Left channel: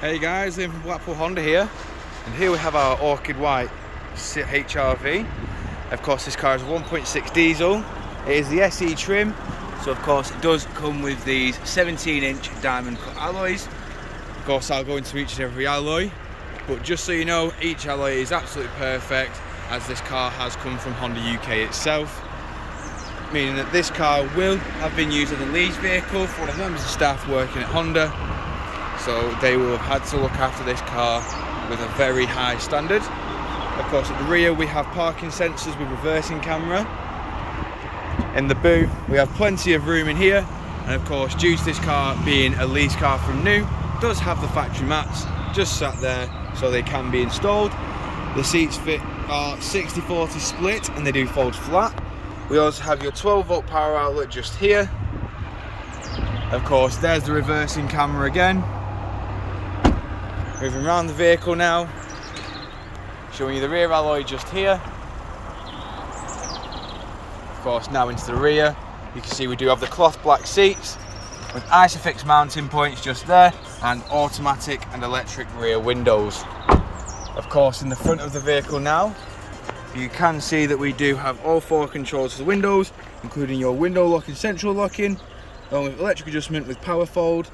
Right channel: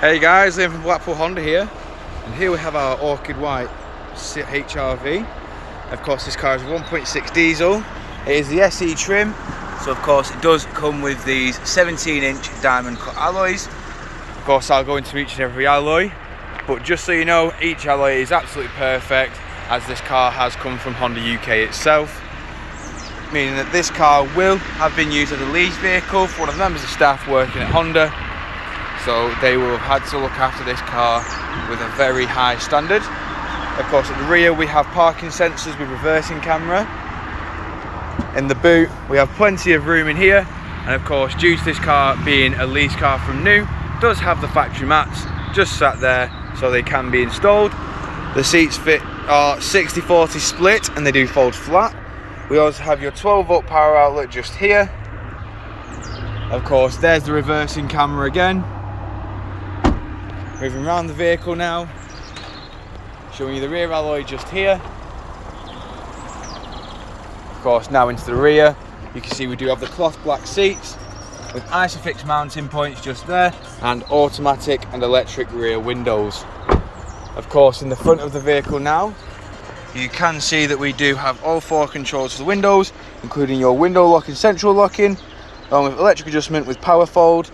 Hey guys, Liam from Blackpool Honda here, and here we have our Orchid White HRV. Of course, this car is a 1.6 diesel. It is the SE trim, so of course it does come with these 17-inch diamond cut alloys. Of course, I'll go into each and every alloy, but just so you know, each alloy is absolutely perfect, as this car has come from Honda UK itself, meaning that this car will have been used as a lease vehicle for one of the members of staff working at Honda. So they will have had to look after this car with a very high standard. Of course, at the rear we have parking sensors with reversing camera. In the boot we have plenty of room in here, and of course, due to this car being a lease car from new, it does have the factory mats just sat there so they can be installed. The seats fit are 60-40 split and they do fold flat. We also have your 12-volt power outlet just here. Of course, there's the reversing camera again. Moving around the vehicle now, showing you the rear alloy just here. Of course, now into the rear, you can see we do have the cloth black seats with Isofix mounting points just there, and automatic and electric rear windows. Of course, in the front of the vehicle now, you can see that we do have all 4 controls for the windows, including your window lock and central locking, along with electric adjustment with power fold.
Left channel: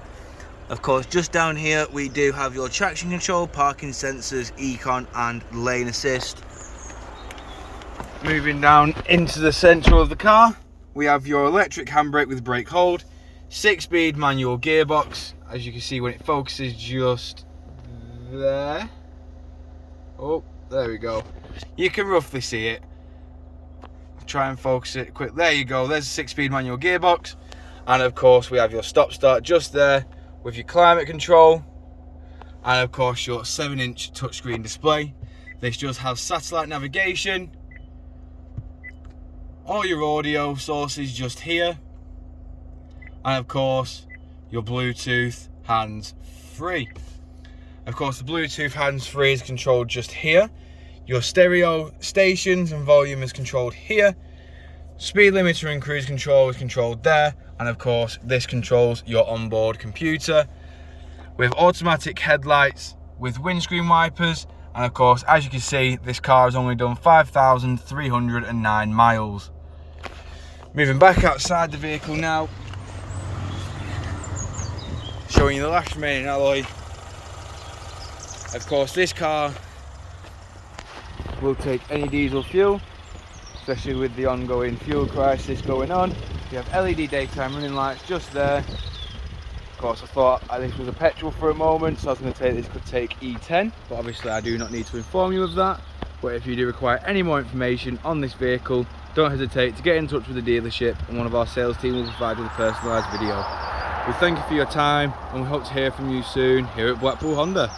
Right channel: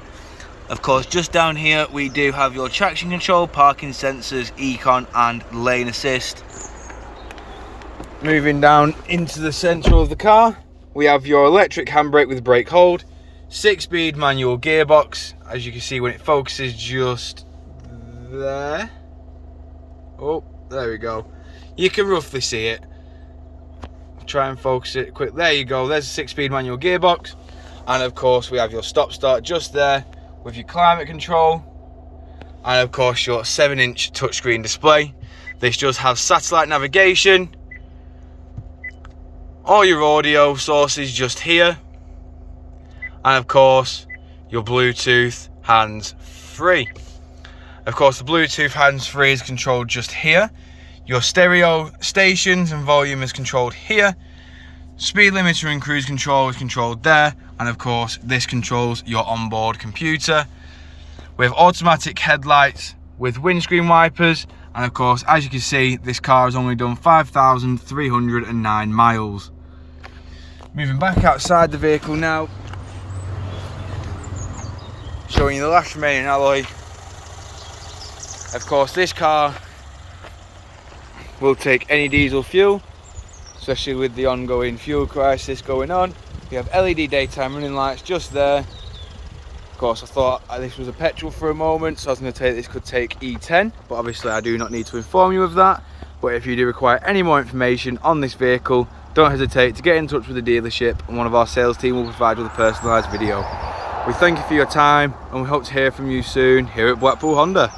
Of course, just down here we do have your traction control, parking sensors, econ and lane assist. Moving down into the centre of the car, we have your electric handbrake with brake hold, 6-speed manual gearbox, as you can see when it focuses just there. Oh, there we go. You can roughly see it. Try and focus it quick. There you go, there's a 6-speed manual gearbox. And of course we have your stop start just there, with your climate control, and of course your 7-inch touchscreen display. This does have satellite navigation, all your audio sources just here, and of course your Bluetooth hands-free. Of course, the Bluetooth hands-free is controlled just here. Your stereo stations and volume is controlled here. Speed limiter and cruise control is controlled there, and of course this controls your onboard computer. We have automatic headlights with windscreen wipers, and of course, as you can see, this car has only done 5,309 miles. Moving back outside the vehicle now, showing you the last remaining alloy. Of course, this car will take any diesel fuel, especially with the ongoing fuel crisis going on. We have LED daytime running lights just there. Of course, I thought this was a petrol for a moment, so I was going to say this could take E10, but obviously I do not need to inform you of that. But if you do require any more information on this vehicle, don't hesitate to get in touch with the dealership, and one of our sales team will provide you with a personalised video. We thank you for your time, and we hope to hear from you soon here at Blackpool Honda.